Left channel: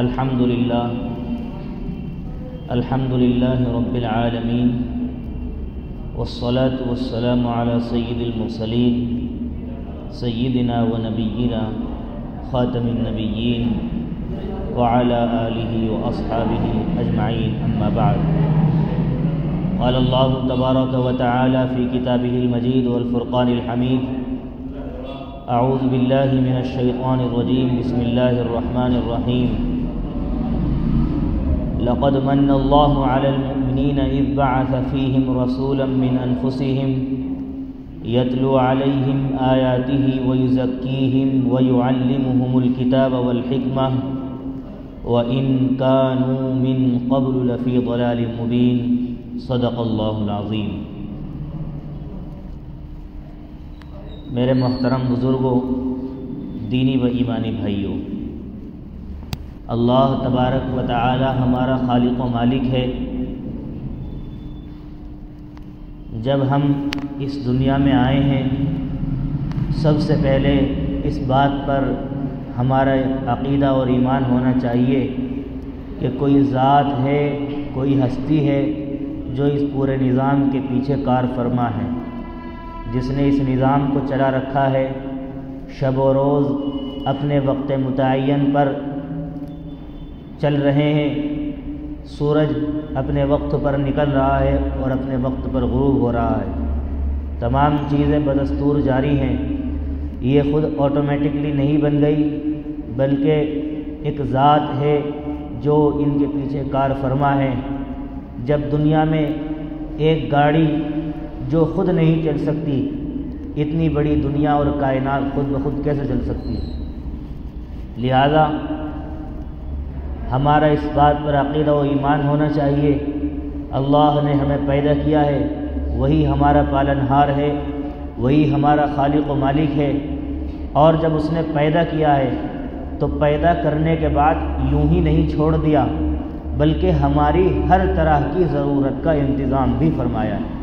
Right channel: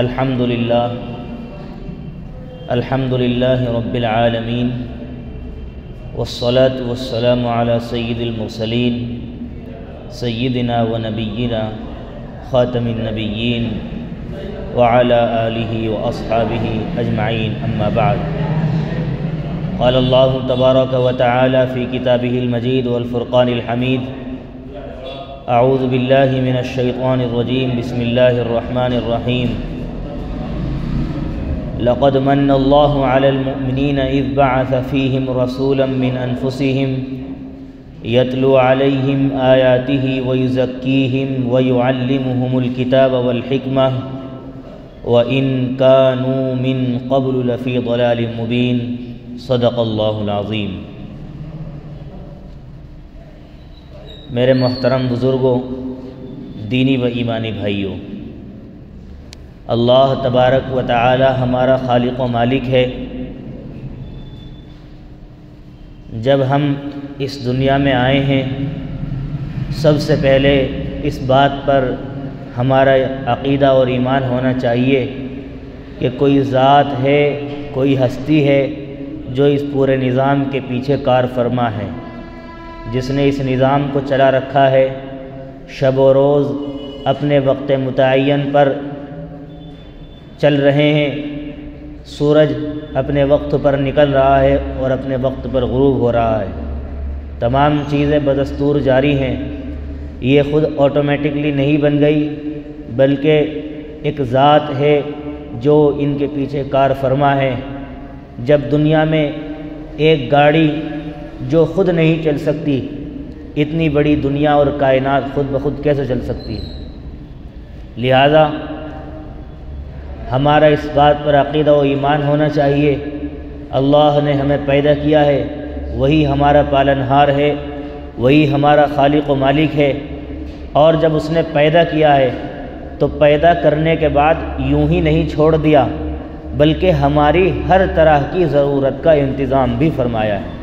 الحمد لله رب العالمين والصلاة والسلام على سيد المرسلين سيدنا ونبينا خاتم النبيين وعلى آله وأصحابه أجمعين أما بعد. قال الله تبارك وتعالى في كتابه المجيد والفرقان الحميد: أعوذ بالله من الشيطان الرجيم بسم الله الرحمن الرحيم. لقد من الله على المؤمنين إذ بعث فيهم رسولا من أنفسهم يتلو عليهم آياته ويزكيهم ويعلمهم الكتاب والحكمة وإن كانوا من قبل لفي ضلال مبين. صدق اللہ العظیم. میرے محترم بزرگوں، دینی و ایمانی بھائیوں، اللہ تبارک و تعالی ہمارا خالق و مالک ہے. جب ہم اس دنیا میں آئے ہیں، سب سے پہلے اس بات پر ہمارا عقیدہ اور ایمان ہونا چاہیے کہ کوئی ذات ہے، کوئی ہستی ہے جو اس پورے نظام کے پیچھے کار فرما ہے، جس نے اس نظام کو چلا رکھا ہے. شب و روز اپنے وقت متعین پر چل رہے ہیں. سورج اپنے وقت پر نکل رہا ہے اور اپنے وقت پر غروب ہو رہا ہے. تمام چیزیں بدستور جاری ہیں. یہ خود آٹومیٹکلی نہیں بن گئی، بلکہ ایک ذات ہے جو ان کے پیچھے کار فرما ہے. جب دنیا میں ایک گاڑی جو خود نہیں چل سکتی، اتنی بڑی دنیا اور کائنات خود بخود کیسے چل سکتی ہے؟ لہذا ہمارا اس بات پر عقیدہ و ایمان ہونا چاہیے، اللہ نے ہمیں پیدا کیا ہے، وہی ہمارا پالنہار ہے، وہی ہمارا خالق و مالک ہے. اور جب اس نے پیدا کیا ہے تو پیدا کرنے کے بعد یوں ہی نہیں چھوڑ دیا، بلکہ ہماری ہر طرح کی ضرورت کا انتظام بھی فرمایا ہے.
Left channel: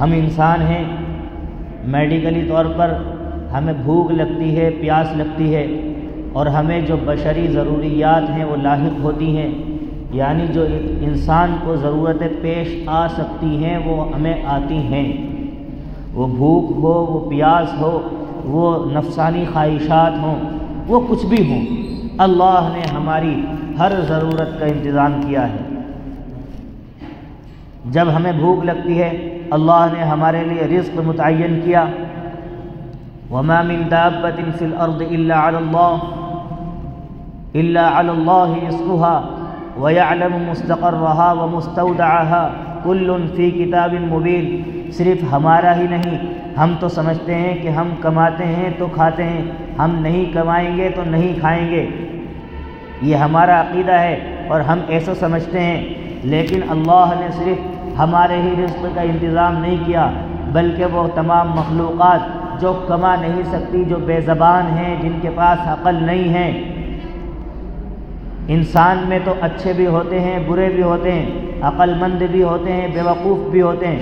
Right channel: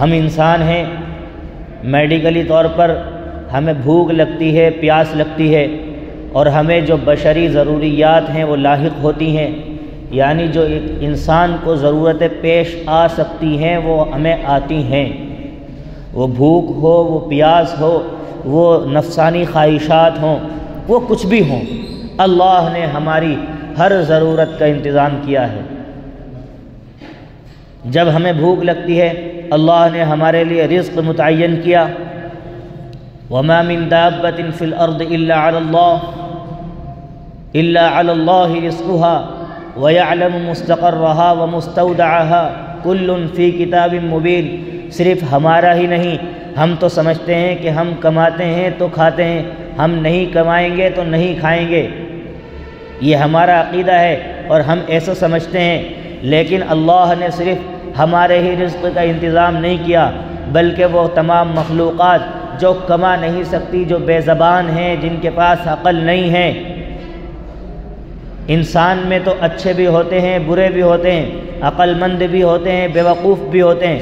ہم انسان ہیں، میڈیکلی طور پر ہمیں بھوک لگتی ہے، پیاس لگتی ہے، اور ہمیں جو بشری ضروریات ہیں وہ لاحق ہوتی ہیں، یعنی جو ایک انسان کو ضرورتیں پیش آ سکتی ہیں وہ ہمیں آتی ہیں. وہ بھوک ہو، وہ پیاس ہو، وہ نفسانی خواہشات ہوں، وہ کچھ بھی ہوں، اللہ نے ہماری ہر ضرورت کا انتظام کیا ہے. جب ہمیں بھوک لگتی ہے، اللہ نے ہمارے لیے رزق متعین کیا. وما من دابة في الأرض إلا على الله رزقها ويعلم مستقرها ومستودعها كل في كتاب مبين. صرف ہمارا ہی نہیں، ہم تو سمجھتے ہیں کہ ہم کماتے ہیں تو کھاتے ہیں، ہم نہیں کمائیں گے تو نہیں کھائیں گے. یہ ہمارا عقیدہ ہے اور ہم ایسا سمجھتے ہیں. لیکن اللہ نے صرف ہمارے ہی رزق کا انتظام نہیں کیا، بلکہ وہ تمام مخلوقات جو کما نہیں سکتی، جو بے زبان ہیں، جن کے پاس عقل نہیں ہے. انسان میں تو اچھے بھی ہوتے ہیں، برے بھی ہوتے ہیں، عقل مند بھی ہوتے ہیں، بیوقوف بھی ہوتے ہیں،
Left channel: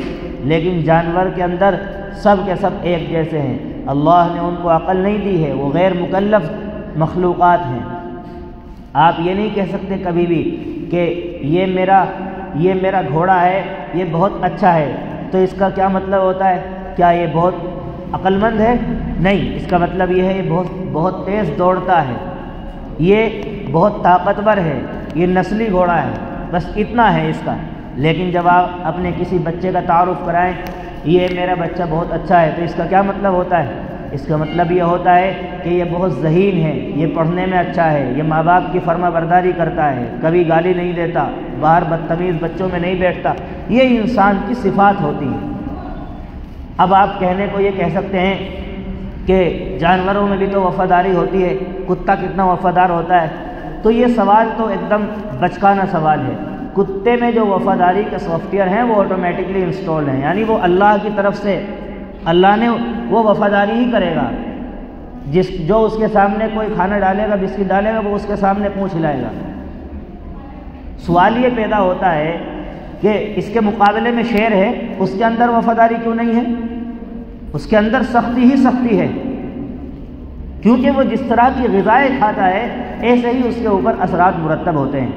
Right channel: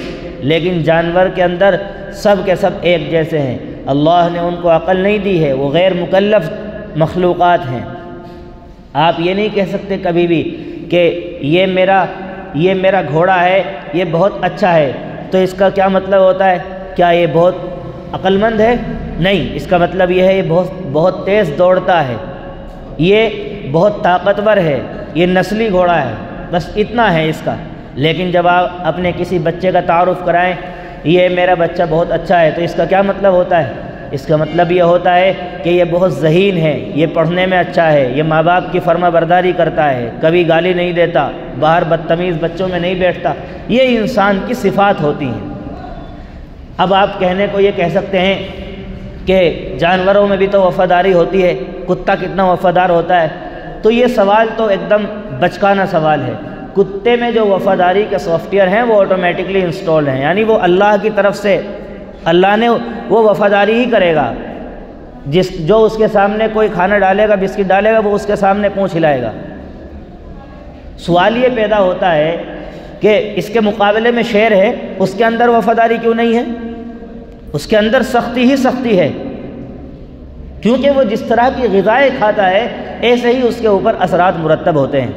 لیکن جانور کے اندر سب کے سب ایک جیسے ہیں. اللہ نے ان کو عقل نہیں دی ہے، وہ غیر مکلف مخلوقات ہیں. آپ یہ نہیں کہہ سکتے کبھی بھی کہ یہ میرا گھوڑا ہے، یہ بہت اچھا ہے، تو اس کا کیا مطلب ہوتا ہے؟ کیا یہ بہت عقل مند ہے؟ نہیں، اس کا مطلب یہ ہے یہ بہت تیز دوڑتا ہے، یہ بہت طاقتور ہے، یہ نسلی گھوڑا ہے، بس اتنا ہے اس کا. لیکن جب آپ اپنے کسی بچے کا تعارف کرائیں، یہ میرا بچہ بہت اچھا ہے، تو اس کا کیا مطلب ہوتا ہے؟ اس کا مطلب یہ ہوتا ہے کہ یہ بہت ذہین ہے، یہ پڑھنے میں اچھا ہے، یہ ماں باپ کی فرما برداری کرتا ہے، کبھی گالی نہیں دیتا، باہر بدتمیز بچوں میں نہیں بیٹھتا. یہ انسان کی صفات ہوتی ہیں. اب آپ کہنے کو یہ کہہ سکتے ہیں کہ جانوروں میں بھی تو وفاداری ہوتی ہے، کتا کتنا وفادار ہوتا ہے. تو یہ سوال تو ایک دم بچکانہ سوال ہے. کتے میں جو وفاداری کے سافٹ ویئر ہیں وہ آٹومیٹکلی انسٹال ہیں، یعنی وہ اللہ کی طرف سے اللہ نے وہ وفاداری ہی کرے گا. جو اس کے سامنے کوئی کھانا ڈالے گا، بسکٹ ڈالے گا، وہ اس کے سامنے پونچھ ہلائے گا. سوال یہ پیدا ہوتا ہے کہ اس کے مقابلے میں شیر ہے، اس کے اندر وفاداری کیوں نہیں ہے؟ اس کے اندر سختی ہی سختی ہے. کیونکہ وہ جس طرح کی غذائیں کھاتا ہے ایسے ہی اس کے اوپر اثرات مرتب ہوتے ہیں۔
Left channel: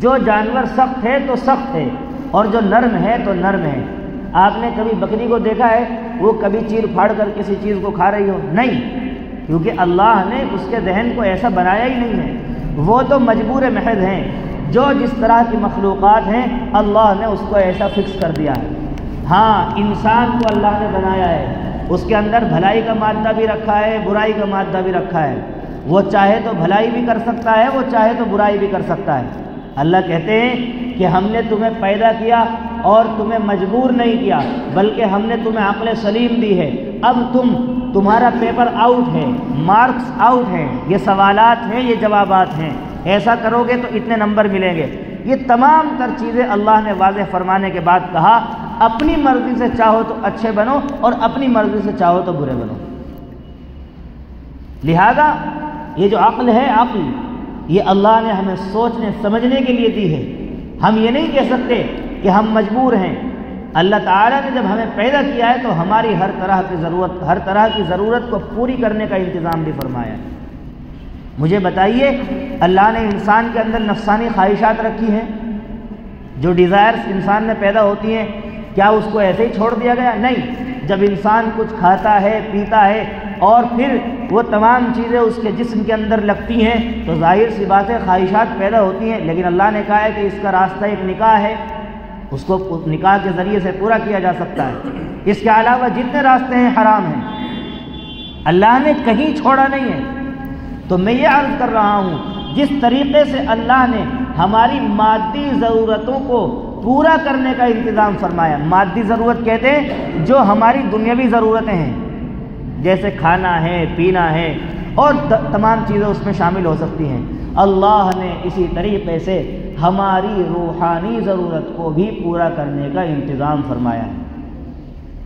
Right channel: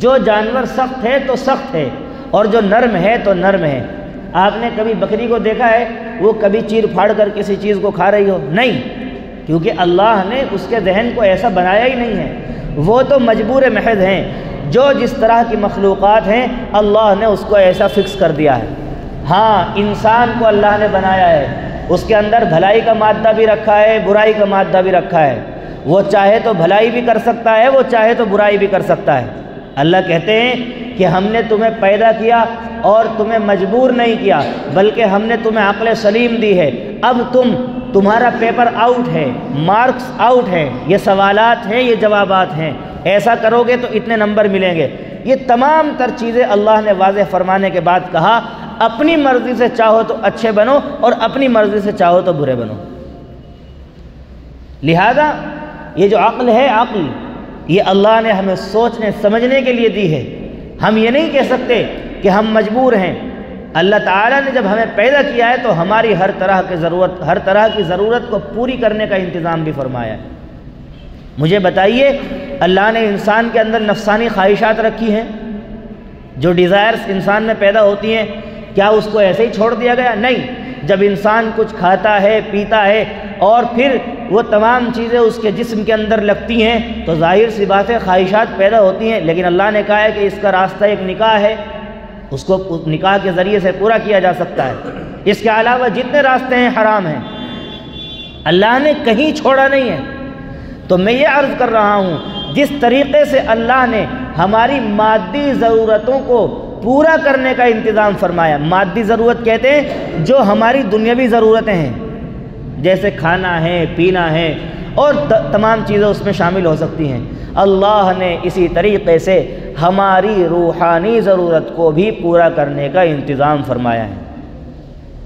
جو جانور سخت ہے تو سخت ہے، اور جو نرم ہے تو نرم ہے۔ آپ نے کبھی بکری کو دیکھا ہے وہ کبھی چیر پھاڑ کر کسی چیز کو کھا رہی ہو؟ نہیں، کیونکہ اللہ نے اس کے ذہن کو ایسا بنایا ہی نہیں ہے۔ وہ تو مجبور محض ہیں، جو جس طرح کی مخلوقات ہیں اللہ نے اس کو ایسا فکس کر دیا ہے۔ ہاں، انسان کو اللہ نے بنایا ہے، اس کے اندر بھلائی کا مادہ بھی رکھا ہے، برائی کا مادہ بھی رکھا ہے۔ وہ چاہے تو بھلائی بھی کر سکتا ہے، وہ چاہے تو برائی بھی کر سکتا ہے۔ اللہ کہتے ہیں کہ ہم نے تمہیں پیدا کیا اور تمہیں مجبور نہیں کیا، بلکہ ہم نے تمہیں عقل سلیم دی ہے۔ اب تمہارا پیپر آؤٹ ہے، مارکس آؤٹ ہے، یہ سوالات ہیں، یہ جوابات ہیں، ایسا کرو گے تو اتنے نمبر ملیں گے۔ یہ تمام تر چیزیں اللہ نے واضح فرمانے کے بعد کہا اپنی مرضی سے چاہو تو اچھے بنو اور اپنی مرضی سے چاہو تو برے بنو۔ لہذا یہ جو عقل ہے، عقل یہ اللہ نے ہمیں سوچنے سمجھنے کے لیے دی ہے۔ ہم یہ نہیں کہہ سکتے کہ ہم مجبور ہیں۔ اللہ تعالیٰ نے جب ہمیں پیدا کیا ہے تو ہماری ہر طرح کی ضرورت کو پوری کرنے کا انتظام بھی فرمایا ہے۔ مجھے بتائیے، اللہ نے انسان کے اندر نفسانی خواہشات رکھی ہیں، جو ڈیزائرز انسان میں پیدا ہوتی ہیں، کیا اس کو ایسے ہی چھوڑ دیا گیا؟ نہیں۔ جب انسان کچھ کھاتا ہے، پیتا ہے اور پھر وہ تمام چیزیں اس کے جسم کے اندر لگتی ہیں تو ظاہر سی بات ہے خواہشات پیدا ہوتی ہیں، لیکن اللہ نے کہا ہے کہ اس کا راستہ ایک نکاح ہے، اس کو نکاح کے ذریعے سے پورا کیا جا سکتا ہے۔ اس کے علاوہ جتنے راستے ہیں حرام ہیں، اللہ نے کہیں چھوڑا نہیں ہے۔ تو میں یہ عرض کر رہا ہوں، جس طریقے سے اللہ نے ہماری مادی ضرورتوں کو پورا کرنے کا انتظام فرمایا، مادی ضرورت کہتے ہیں جو ہماری دنیاوی ضرورتیں ہیں، جیسے کھانا ہے، پینا ہے اور تمام چیزیں اس میں شامل ہو سکتی ہیں، اللہ نے اسی طریقے سے ہماری روحانی ضرورت کو بھی پورا کرنے کا انتظام فرمایا ہے۔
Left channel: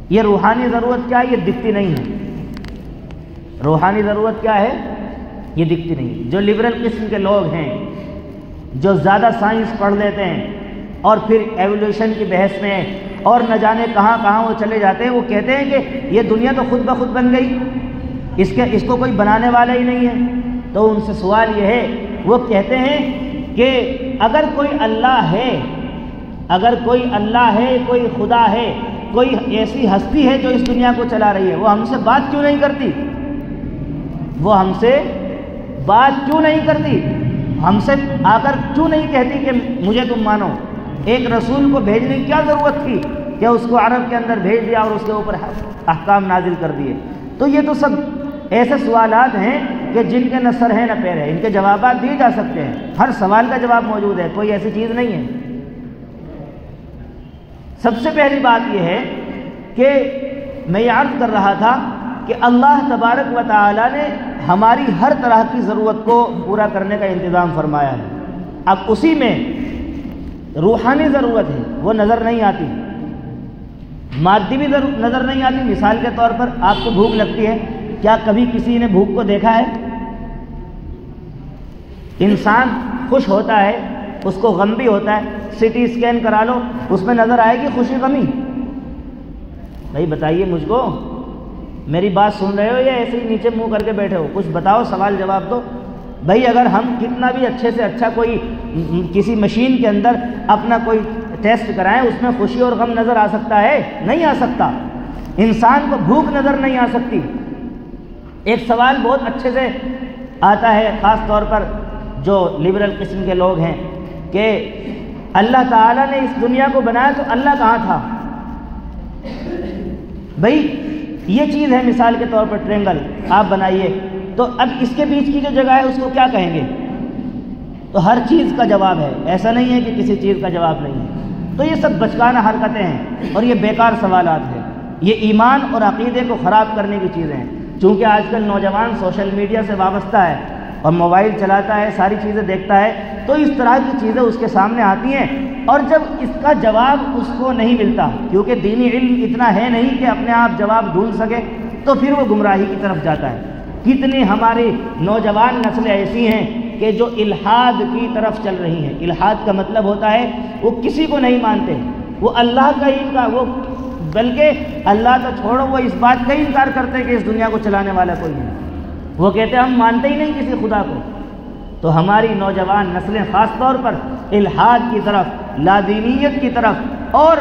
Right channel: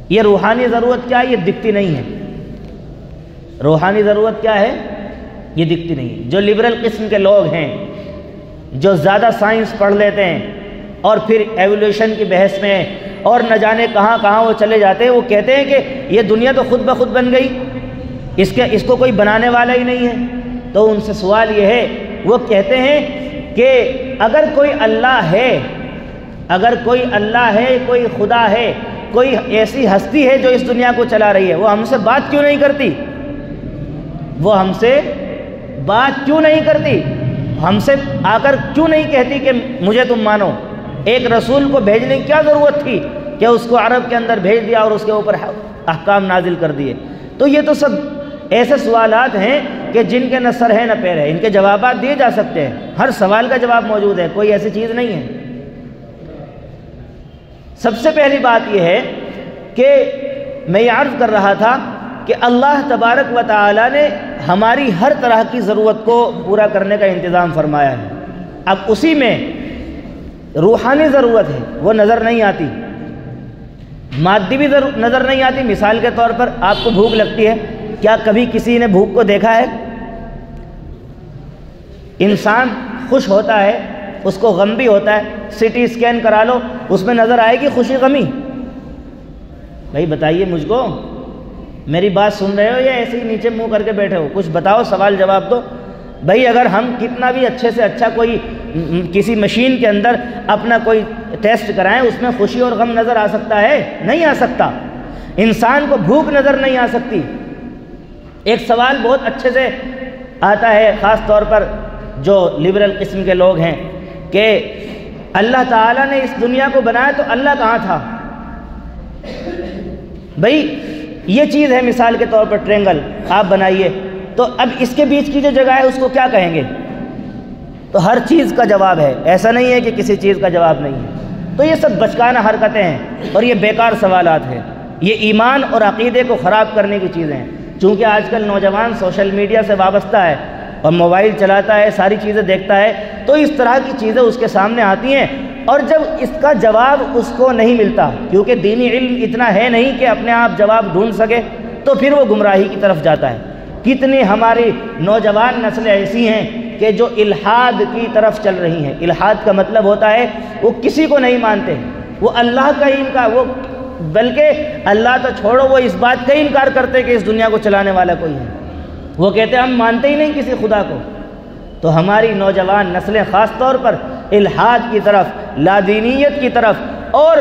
یہ روحانی ضرورت کیا ہے؟ یہ دکھتی نہیں ہے۔ روحانی ضرورت کیا ہے؟ یہ دکھتی نہیں۔ جو لبرل قسم کے لوگ ہیں، جو زیادہ سائنس پڑھ لیتے ہیں اور پھر ایولیوشن کی بحث میں اور نہ جانے کہاں کہاں وہ چلے جاتے ہیں، وہ کہتے ہیں کہ یہ دنیا تو خود بخود بن گئی، اس کو کوئی بنانے والا ہی نہیں ہے۔ تو ان سے سوال یہ ہے، وہ کہتے ہیں کہ اگر کوئی اللہ ہے، کوئی خدا ہے، کوئی ایسی ہستی ہے جو اس دنیا کو چلا رہی ہے، وہ ہم سے بات کیوں نہیں کرتی؟ ہم سے آ کر کیوں نہیں کہتی کہ مجھے تم مانو؟ ایک رسول کو بھیجنے کی کیا ضرورت تھی کہ اس کو عرب کے اندر بھیج دیا اور اس کے اوپر احکام نازل کر دیے؟ تو یہ تو سب ایسے سوالات ہیں کہ جن کے نہ سر ہے نہ پیر ہے، ان کے جوابات دیے جا سکتے ہیں، ہر سوال کا جواب موجود ہے، کوئی ایسی چیز نہیں ہے۔ سب سے پہلی بات یہ ہے کہ میں یہ عرض کر رہا تھا کہ اللہ تبارک و تعالی نے ہماری ہر طرح کی ضرورت کو پورا کرنے کا انتظام فرمایا ہے۔ اب اسی میں روحانی ضرورت ہے، وہ نظر نہیں آتی، مادی بھی نظر نہیں آتی۔ مثال کے طور پر آپ کو بھوک لگتی ہے، کیا کبھی کسی نے بھوک کو دیکھا ہے؟ انسان خوش ہوتا ہے، اس کو غم بھی ہوتا ہے، سٹی اسکین کرا لو، اس میں نظر آئے گی خوشی غمی؟ بھائی بتائیے مجھ کو، میری بات سن رہے ہو یا ایسے ہی نیچے منہ کر کے بیٹھے ہو؟ کچھ بتاؤ، سوال جواب دو۔ بھائی اگر ہم کتنا بھی اچھے سے اچھا کوئی کسی مشین کے اندر اپنا کوئی ٹیسٹ کرائیں، اس میں خوشی اور غم نظر آ سکتا ہے؟ نہیں آ سکتا۔ انسان کو بھوک نظر نہیں آ سکتی۔ ایک سوال بہت اچھے سے آتا ہے، خاص طور پر جو لبرل قسم کے لوگ ہیں، کہ اللہ تعالیٰ نے اس دنیا کو بنایا تو اللہ کہاں تھا؟ بھائی یہ چیز ہے، مثال کے طور پر ٹرینگل آپ بنائیے، تو اب اس کے بیچ کی جو جگہ ہے اس کو کیا کہیں گے؟ تو ہر چیز کا جواب ہے، ایسا نہیں ہے کہ کسی چیز کا جواب نہیں ہے۔ تو یہ سب بچکانہ حرکتیں ہیں اور یہ بیکار سوالات ہیں، یہ ایمان اور عقیدے کو خراب کرنے کی چیزیں ہیں۔ چونکہ آج کل نوجوان سوشل میڈیا سے وابستہ ہے اور موبائل چلاتا ہے، ساری چیزیں دیکھتا ہے، تو اس طرح کی چیزیں اس کے سامنے آتی ہیں، اور جب اس کا جواب اس کو نہیں ملتا، کیونکہ دینی علم اتنا ہے نہیں کہ اپنے آپ جواب ڈھونڈ سکے، تو پھر وہ گمراہی کی طرف جاتا ہے۔ کتنی ہماری نوجوان نسلیں ایسی ہیں کہ جو الحاد کی طرف چل رہی ہیں۔ الحاد کا مطلب ہوتا ہے وہ کسی کو نہیں مانتے، وہ اللہ کا ہی وہ بلکہ اللہ تو چھوڑو، وہ اس بات کا انکار کرتے کہ اس دنیا کو چلانے والا کوئی ہے۔ وہ کہتے ہیں ہم مانتے ہی نہیں کسی خدا کو۔ تو ہماری نوجوان نسلیں خاص طور پر الحاد کی طرف، لادینیت کی طرف اور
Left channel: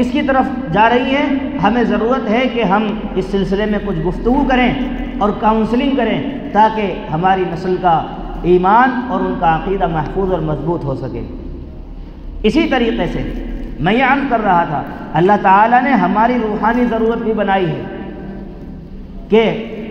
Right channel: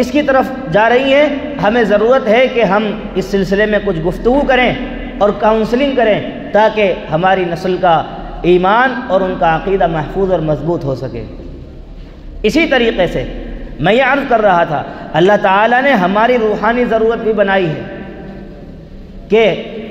اس کی طرف جا رہی ہے۔ ہمیں ضرورت ہے کہ ہم اس سلسلے میں کچھ گفتگو کریں اور کاؤنسلنگ کریں تاکہ ہماری نسل کا ایمان اور ان کا عقیدہ محفوظ اور مضبوط ہو سکے۔ اسی طریقے سے میں یہ عرض کر رہا تھا، اللہ تعالیٰ نے ہماری روحانی ضرورت بھی بنائی ہے کہ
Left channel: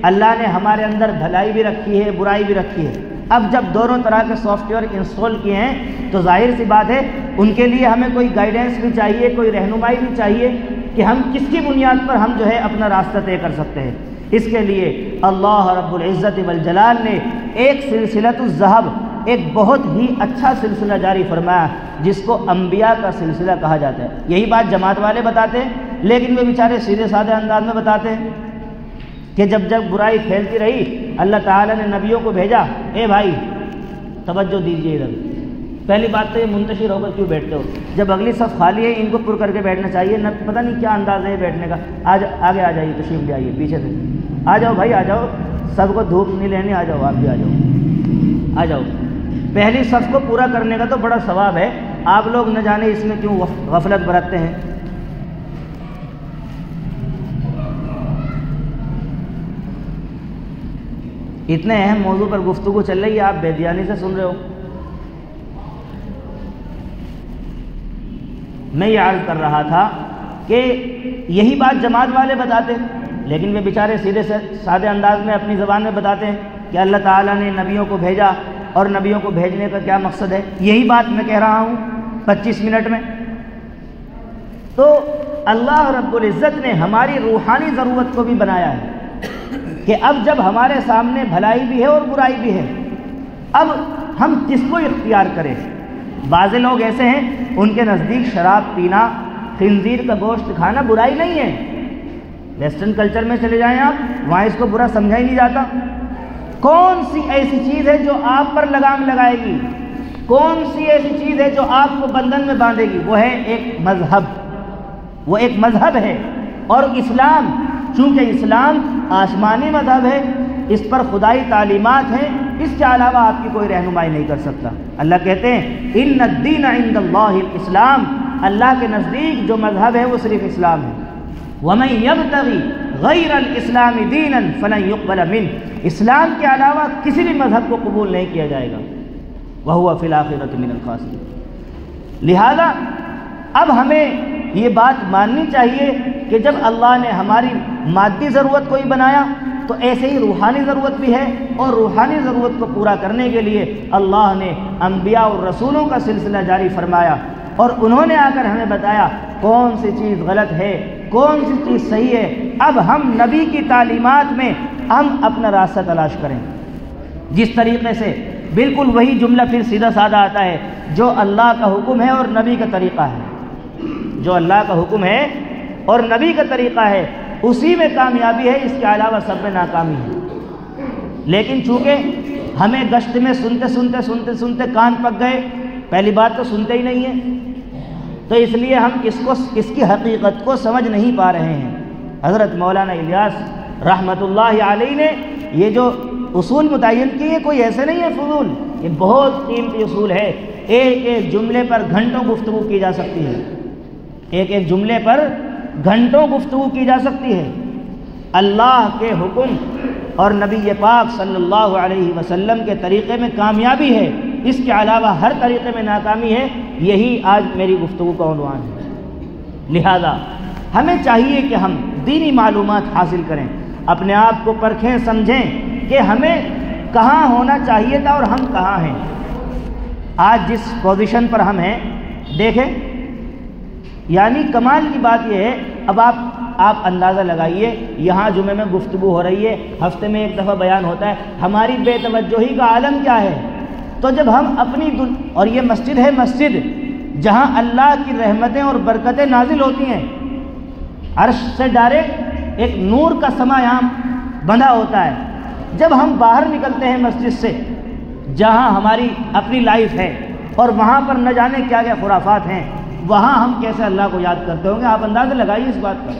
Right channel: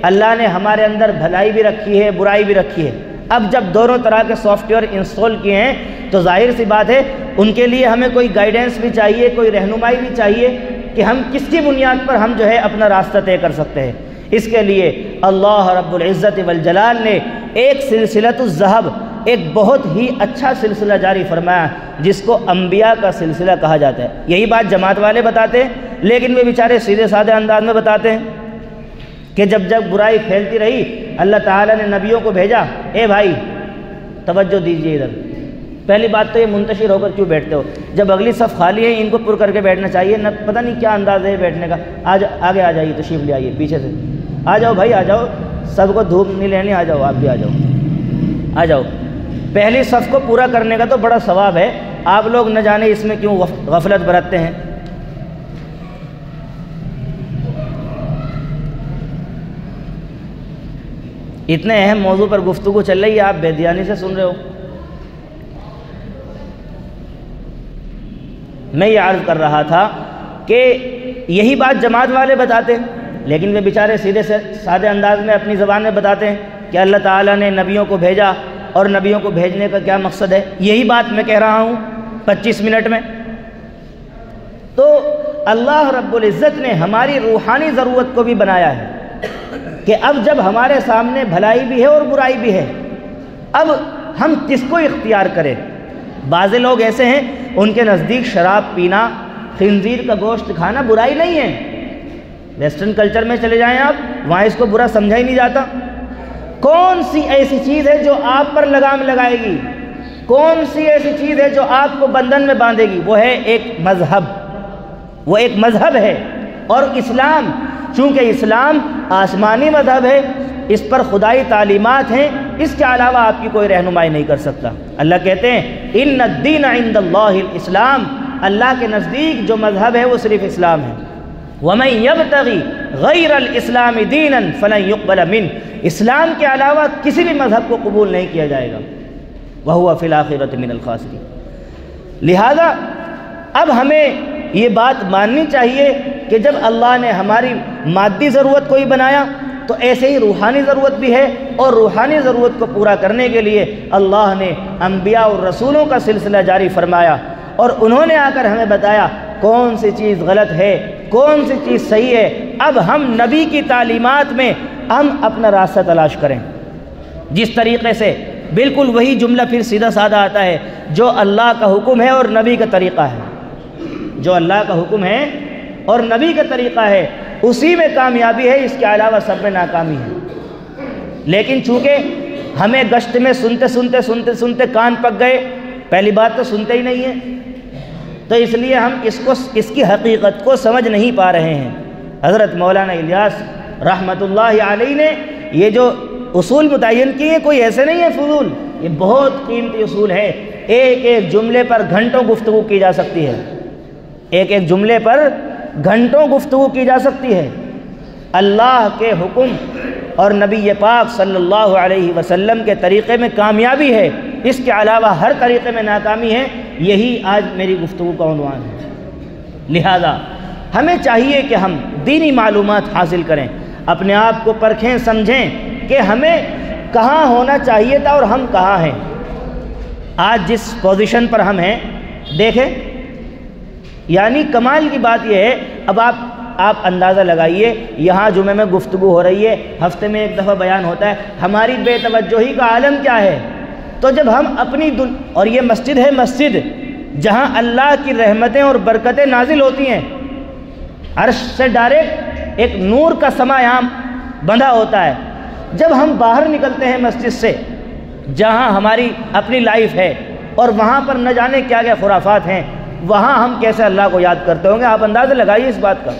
اللہ نے ہمارے اندر بھلائی بھی رکھی ہے، برائی بھی رکھی ہے۔ اب جب دونوں طرح کے سافٹ ویئر انسٹال کیے ہیں تو ظاہر سی بات ہے ان کے لیے ہمیں کوئی گائیڈنس بھی چاہیے، کوئی رہنمائی بھی چاہیے کہ ہم کس کی بنیاد پر ہم جو ہے اپنا راستہ طے کر سکتے ہیں۔ اس کے لیے اللہ رب العزت والجلال نے ایک سلسلۃ الذہب، ایک بہت ہی اچھا سلسلہ جاری فرمایا جس کو انبیاء کا سلسلہ کہا جاتا ہے۔ یہی بات جماعت والے بتاتے ہیں، لیکن وہ بیچارے سیدھے سادے انداز میں بتاتے ہیں کہ جب برائی پھیلتی رہی اللہ تعالیٰ نے نبیوں کو بھیجا، اے بھائی توجہ دیجیے ادھر۔ پہلی بات تو یہ منتشر ہو کر کیوں بیٹھتے ہو؟ جب اگلی صف خالی ہے ان کو پر کر کے بیٹھنا چاہیے، نہ پتہ نہیں کیا انداز ہے بیٹھنے کا۔ آگے آ جائیے، تشریف لے آئیے، پیچھے سے آ جاؤ بھائی، آ جاؤ، سب کو دھوپ نہیں لینی، آ جاؤ، آپ بھی آ جاؤ، آ جاؤ۔ پہلی صف کو پورا کرنے کا تو بڑا ثواب ہے، آپ لوگ نہ جانے اس میں کیوں غفلت برتتے ہیں۔ اتنے اہم موضوع پر گفتگو چل رہی ہے، آپ بے دھیانی سے سن رہے ہو۔ میں یہ عرض کر رہا تھا کہ یہی بات جماعت والے بتاتے ہیں، لیکن وہ بیچارے سیدھے سے سادے انداز میں اپنی زبان میں بتاتے ہیں کہ اللہ تعالیٰ نے نبیوں کو بھیجا اور نبیوں کو بھیجنے کا کیا مقصد ہے۔ یہی بات میں کہہ رہا ہوں 25 منٹ میں۔ تو اللہ رب العزت نے ہماری روحانی ضرورت کو بھی بنایا ہے کہ اب جب ہمارے سامنے بھلائی بھی ہے اور برائی بھی ہے، اب ہم کس کو اختیار کریں۔ بعض لوگ ایسے ہیں ان کے نزدیک شراب پینا، خنزیر کا گوشت کھانا برائی نہیں ہے۔ ویسٹرن کلچر میں چلے جائیں آپ، وہاں اس کو برا سمجھا ہی نہیں جاتا۔ کون سی ایسی چیز ہے جو آپ پر لگام لگائے گی؟ کون سی ایسی چیز ہے جو آپ کو بندھن میں باندھے گی؟ وہ ہے ایک مذہب، وہ ایک مذہب ہے۔ اور اسلام، چونکہ اسلام آسمانی مذہب ہے، اس پر خدائی تعلیمات ہیں، اس کے علاوہ آپ کی کوئی رہنمائی نہیں کر سکتا۔ اللہ کہتے ہیں ان الدین عند اللہ الاسلام، اللہ کے نزدیک جو مذہب ہے وہ صرف اسلام ہے۔ وَمَن يَبْتَغِ غَيْرَ الْإِسْلَامِ دِينًا فَلَن يُقْبَلَ مِنْهُ، اسلام کے علاوہ کسی بھی مذہب کو قبول نہیں کیا جائے گا۔ وَهُوَ فِي الْآخِرَةِ مِنَ الْخَاسِرِينَ۔ لہذا اب ہمیں یہ بات ماننی چاہیے کہ جب اللہ نے ہماری مادی ضرورت کو ہی بنایا تو ایسے ہی روحانی ضرورت بھی ہے، اور روحانی ضرورت کو پورا کرنے کے لیے اللہ نے انبیاء اور رسولوں کا سلسلہ جاری فرمایا، اور انہوں نے آ کر ہمیں بتایا کون سی چیز غلط ہے، کون سی چیز صحیح ہے۔ اب ہم نبی کی تعلیمات میں ہم اپنا راستہ تلاش کریں، جس طریقے سے بالکل وہی جملہ پھر سیدھا سادہ آتا ہے جو اللہ کا حکم ہے اور نبی کا طریقہ ہے۔ جو اللہ کا حکم ہے اور نبی کا طریقہ ہے اسی میں کامیابی ہے، اس کے علاوہ سب میں ناکامی ہے۔ لیکن چونکہ ہمیں گشت میں سنتے کان پک گئے، پہلی بات تو سنتے ہی نہیں ہیں، تو اس لیے ہم اس کی حقیقت کو سمجھ نہیں پا رہے ہیں۔ حضرت مولانا الیاس رحمۃ اللہ علیہ نے یہ جو اصول متعین کیے ہیں کوئی ایسے نہیں ہے فضول، یہ بہت قیمتی اصول ہے۔ ایک ایک جملے پر گھنٹوں گفتگو کی جا سکتی ہے، ایک ایک جملے پر گھنٹوں گفتگو کی جا سکتی ہے۔ اللہ کے حکم اور نبی پاک صلی اللہ علیہ وسلم کے طریقے میں کامیابی ہے، اس کے علاوہ ہر طریقے میں ناکامی ہے، یہی آج میری گفتگو کا عنوان ہے۔ لہذا ہمیں چاہیے کہ ہم دینی معلومات حاصل کریں، اپنے آپ کو پرکھیں، سمجھیں کہ ہمیں کہاں ہونا چاہیے تھا اور ہم کہاں ہیں۔ آج جس پوزیشن پر ہم ہیں دیکھیں، یعنی کمال کی بات یہ ہے، اب آپ اندازہ لگائیے، یہاں جمعے میں گفتگو ہو رہی ہے، ہفتے میں ایک دفعہ بیان ہوتا ہے، ہماری بے توجہی کا عالم کیا ہے۔ تو جب ہم اپنی اور یہ مسجد ہے، مسجد جہاں اللہ کی رحمتیں اور برکتیں نازل ہوتی ہیں، عرش سے ڈائریکٹ ایک نور کا سماں یہاں بندھا ہوتا ہے۔ جب ہم باہر نکلتے ہیں مسجد سے، جہاں ہماری اپنی لائف ہے، اور وہاں پر نہ جانے کیا کیا خرافات ہیں، وہاں ہم کیسے اللہ کو یاد کرتے ہوں گے؟ آپ اندازہ لگائیے اس بات کا۔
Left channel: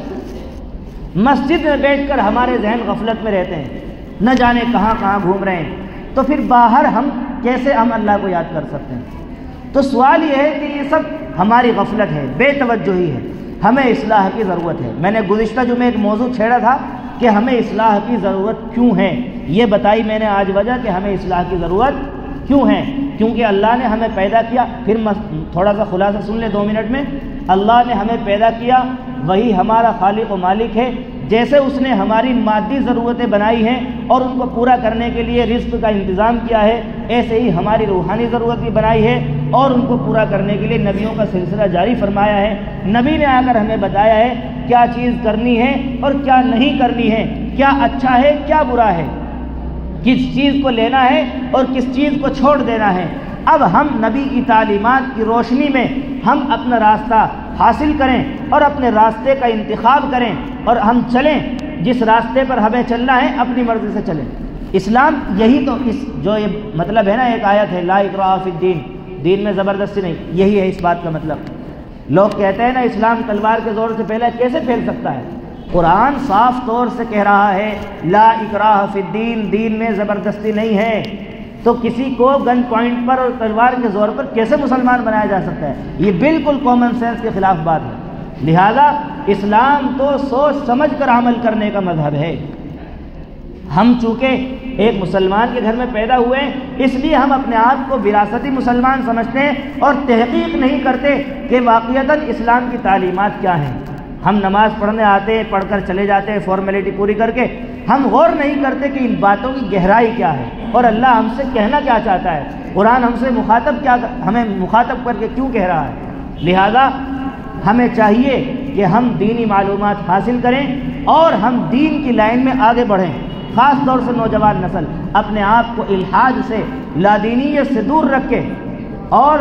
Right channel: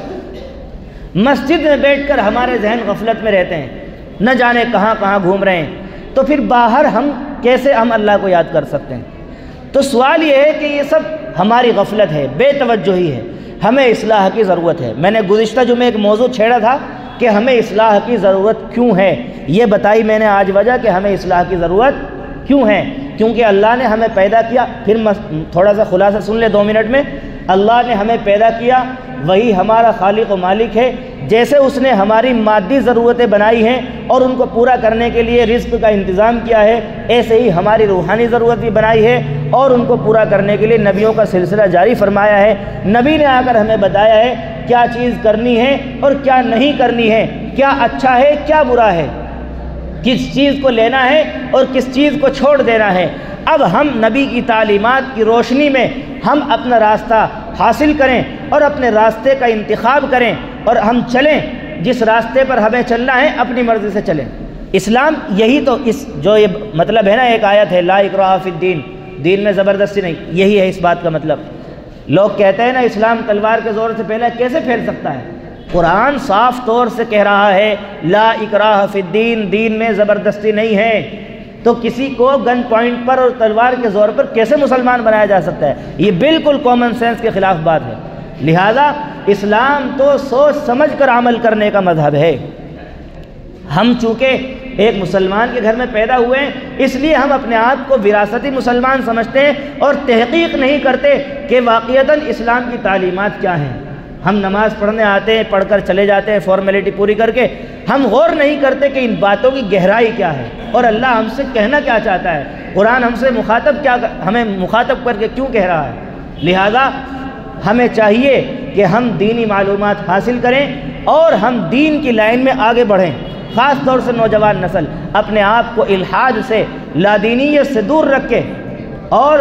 مسجد میں بیٹھ کر ہمارے ذہن غفلت میں رہتے ہیں، نہ جانے کہاں کہاں گھوم رہے ہیں، تو پھر باہر ہم کیسے اللہ کو یاد کر سکتے ہیں؟ تو سوال یہ ہے کہ یہ سب ہماری غفلت ہے، بے توجہی ہے، ہمیں اصلاح کی ضرورت ہے۔ میں نے گزشتہ جمعے ایک موضوع چھیڑا تھا کہ ہمیں اصلاح کی ضرورت کیوں ہے، یہ بتائی میں نے آج وجہ کہ ہمیں اصلاح کی ضرورت کیوں ہے۔ کیونکہ اللہ نے ہمیں پیدا کیا، پھر تھوڑا سا خلاصہ سن لے 2 منٹ میں۔ اللہ نے ہمیں پیدا کیا، وہی ہمارا خالق و مالک ہے۔ جیسے اس نے ہماری مادی ضرورتیں بنائی ہیں اور ان کو پورا کرنے کے لیے رزق کا انتظام کیا ہے، ایسے ہی ہماری روحانی ضرورت بھی بنائی ہے اور ان کو پورا کرنے کے لیے نبیوں کا سلسلہ جاری فرمایا ہے۔ نبی نے آ کر ہمیں بتایا ہے کیا چیز کرنی ہے اور کیا نہیں کرنی ہے، کیا اچھا ہے کیا برا ہے، کس چیز کو لینا ہے اور کس چیز کو چھوڑ دینا ہے۔ اب ہم نبی کی تعلیمات کی روشنی میں ہم اپنا راستہ حاصل کریں اور اپنے راستے کا انتخاب کریں اور ہم چلیں، جس راستے پر ہمیں چلنا ہے اپنی مرضی سے چلیں۔ اسلام یہی تو جو یہ مطلب ہے نا، ایک آیت ہے لا اکراہ فی الدین، دین میں زبردستی نہیں، یہی ہے اس بات کا مطلب۔ لوگ کہتے ہیں نا اسلام تلوار کے زور سے پھیلا، کیسے پھیل سکتا ہے؟ قرآن صاف طور سے کہہ رہا ہے لا اکراہ فی الدین، دین میں زبردستی نہیں ہے، تو کسی کو گن پوائنٹ پر اور تلوار کے زور پر کیسے مسلمان بنایا جا سکتا ہے؟ یہ بالکل کامن سینس کے خلاف بات ہے۔ لہذا اسلام تو سوچ سمجھ کر عمل کرنے کا مذہب ہے۔ ہم چونکہ ایک مسلمان کے گھر میں پیدا ہوئے ہیں، اس لیے ہم اپنے آپ کو وراثتی مسلمان سمجھتے ہیں اور تحقیق نہیں کرتے کہ واقعتاً اسلام کی تعلیمات کیا ہیں۔ ہم نماز پڑھنے آتے ہیں، پڑھ کر چلے جاتے ہیں فارمیلٹی پوری کر کے، ہم غور نہیں کرتے کہ ان باتوں کی گہرائی کیا ہے اور اللہ ہم سے کہنا کیا چاہتا ہے، قرآن ہم سے ہمیں مخاطب کر کے کیوں کہہ رہا ہے۔ لہذا ہمیں چاہیے کہ ہم دینی معلومات حاصل کریں اور ہم دین کی لائن میں آگے بڑھیں۔ خاص طور سے نوجوان نسل اپنے آپ کو الحاد سے، لادینیت سے دور رکھے اور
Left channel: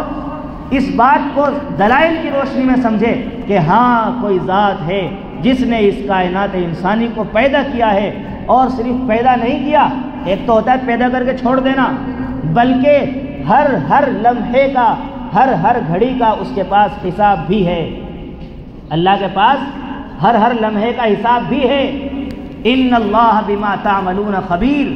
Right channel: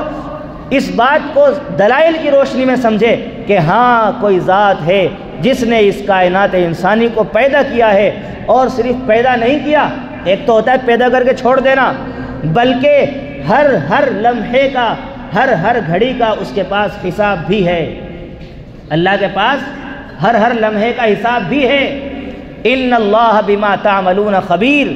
اس بات کو دلائل کی روشنی میں سمجھے کہ ہاں کوئی ذات ہے جس نے اس کائنات انسانی کو پیدا کیا ہے، اور صرف پیدا نہیں کیا، ایک تو ہوتا ہے پیدا کر کے چھوڑ دینا، بلکہ ہر لمحے کا، ہر گھڑی کا اس کے پاس حساب بھی ہے۔ اللہ کے پاس ہر لمحے کا حساب بھی ہے۔ ان اللہ بما تعملون خبیر،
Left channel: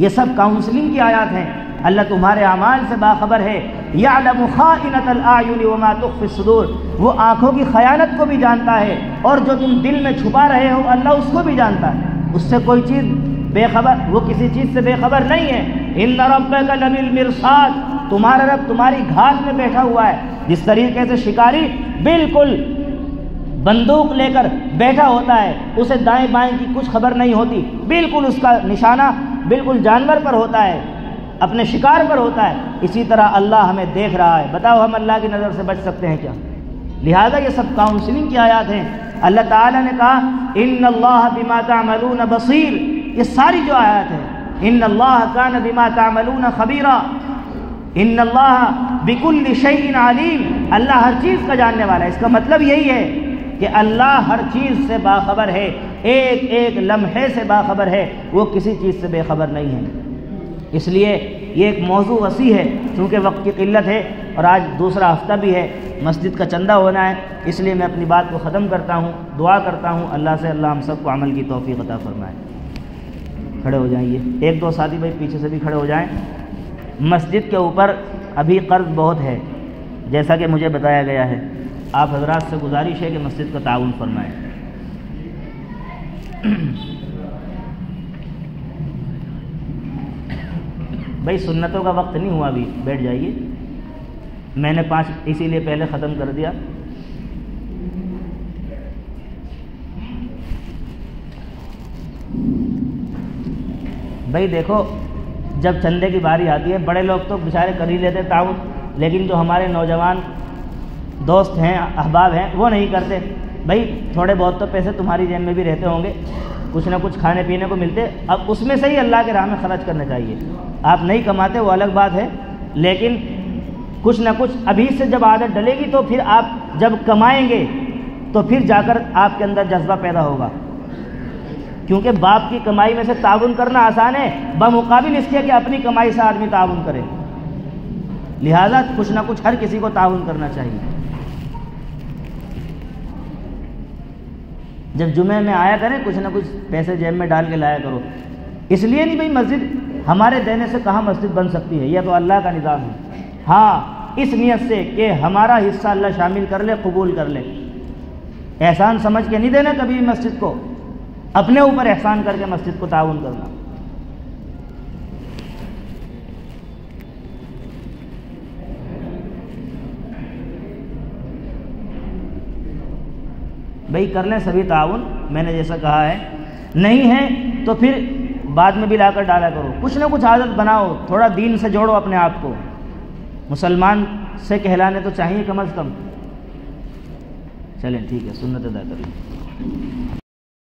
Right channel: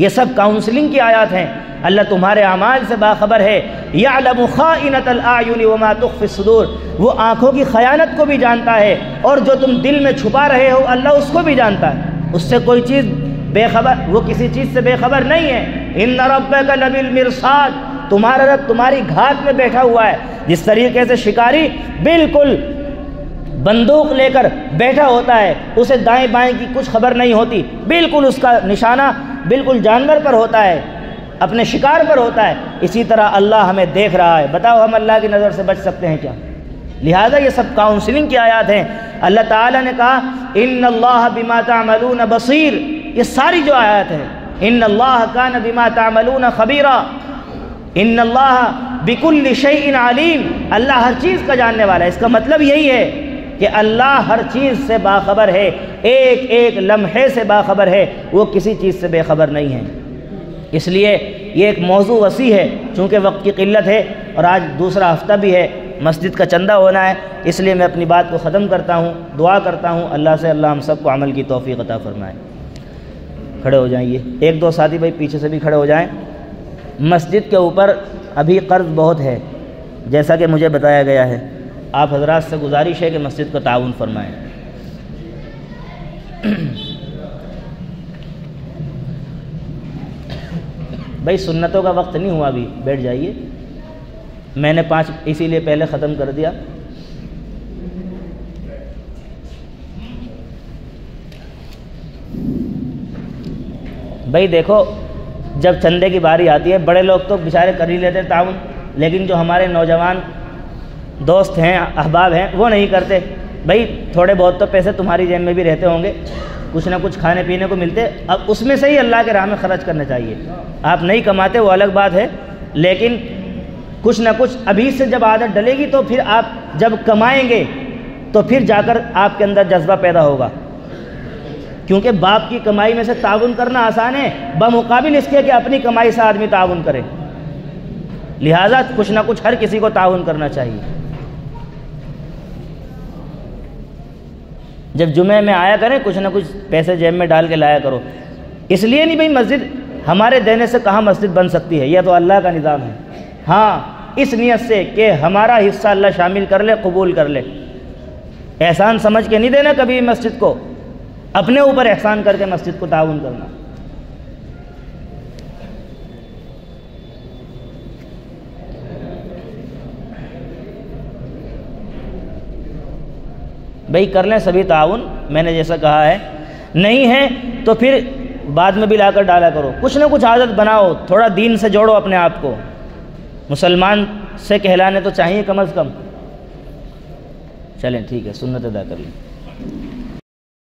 یہ سب کاؤنسلنگ کی آیات ہیں۔ اللہ تمہارے اعمال سے باخبر ہے۔ یعلم خائنۃ الاعین وما تخفی الصدور، وہ آنکھوں کی خیانت کو بھی جانتا ہے اور جو تم دل میں چھپا رہے ہو اللہ اس کو بھی جانتا ہے۔ اس سے کوئی چیز بے خبر، وہ کسی چیز سے بے خبر نہیں ہے۔ ان ربک لبالمرصاد، تمہارا رب تمہاری گھات میں بیٹھا ہوا ہے۔ جس طریقے سے شکاری بالکل بندوق لے کر بیٹھا ہوتا ہے، اسے دائیں بائیں کی کچھ خبر نہیں ہوتی، بالکل اس کا نشانہ بالکل جانور پر ہوتا ہے، اپنے شکار پر ہوتا ہے، اسی طرح اللہ ہمیں دیکھ رہا ہے۔ بتاؤ ہم اللہ کی نظر سے بچ سکتے ہیں کیا؟ لہذا یہ سب کاؤنسلنگ کی آیات ہیں۔ اللہ تعالیٰ نے کہا ان اللہ بما تعملون بصیر، یہ ساری جو آیات ہیں، ان اللہ کان بما تعملون خبیرا، ان اللہ بکل شیء علیم، اللہ ہر چیز کا جاننے والا ہے۔ اس کا مطلب یہی ہے کہ اللہ ہر چیز سے باخبر ہے، ایک لمحے سے باخبر ہے، وہ کسی چیز سے بے خبر نہیں ہے۔ اس لیے یہ ایک موضوع وسیع ہے، چونکہ وقت کی قلت ہے اور آج دوسرا ہفتہ بھی ہے، مسجد کا چندہ ہونا ہے، اس لیے میں اپنی بات کو ختم کرتا ہوں، دعا کرتا ہوں اللہ سے اللہ ہم سب کو عمل کی توفیق عطا فرمائے۔ کھڑے ہو جائیں، یہ 1-2 ساتھی بھائی پیچھے سے بھی کھڑے ہو جائیں۔ مسجد کے اوپر ابھی قرض بہت ہے جیسا کہ مجھے بتایا گیا ہے، آپ حضرات سے گزارش ہے کہ مسجد کا تعاون فرمائیں۔ بھائی سنتوں کا وقت نہیں ہوا، ابھی بیٹھ جائیے، میں نے 5 اسی لیے پہلے ختم کر دیا۔ بھائی دیکھو، جب چندے کی باری آتی ہے بڑے لوگ تو بیچارے کر ہی لیتے تعاون، لیکن جو ہمارے نوجوان دوست ہیں، احباب ہیں، وہ نہیں کرتے۔ بھائی تھوڑے بہت تو پیسے تمہاری جیب میں بھی رہتے ہوں گے، کچھ نہ کچھ کھانے پینے کو ملتے، اب اس میں سے ہی اللہ کے راہ میں خرچ کرنا چاہیے۔ آپ نہیں کماتے وہ الگ بات ہے، لیکن کچھ نہ کچھ ابھی سے جب عادت ڈلے گی تو پھر آپ جب کمائیں گے تو پھر جا کر آپ کے اندر جذبہ پیدا ہوگا، کیونکہ باپ کی کمائی میں سے تعاون کرنا آسان ہے بمقابل اس کے کہ اپنی کمائی سے آدمی تعاون کرے۔ لہذا کچھ نہ کچھ ہر کسی کو تعاون کرنا چاہیے۔ جب جمعے میں آیا کریں کچھ نہ کچھ پیسے جیب میں ڈال کے لایا کرو. اس لیے نہیں بھائی مسجد ہمارے دینے سے کہاں مسجد بن سکتی ہے, یہ تو اللہ کا نظام ہے. ہاں اس نیت سے کہ ہمارا حصہ اللہ شامل کر لے, قبول کر لے. احسان سمجھ کے نہیں دینا کبھی مسجد کو, اپنے اوپر احسان کر کے مسجد کو تعاون کرنا. بھائی کر لیں سبھی تعاون, میں نے جیسا کہا ہے. نہیں ہے تو پھر بعد میں بھی لا کر ڈالا کرو. کچھ نہ کچھ عادت بناؤ, تھوڑا دین سے جوڑو اپنے آپ کو. مسلمان سے کہلانے تو چاہیے کم از کم. چلیں ٹھیک ہے, سنت ادا کریں.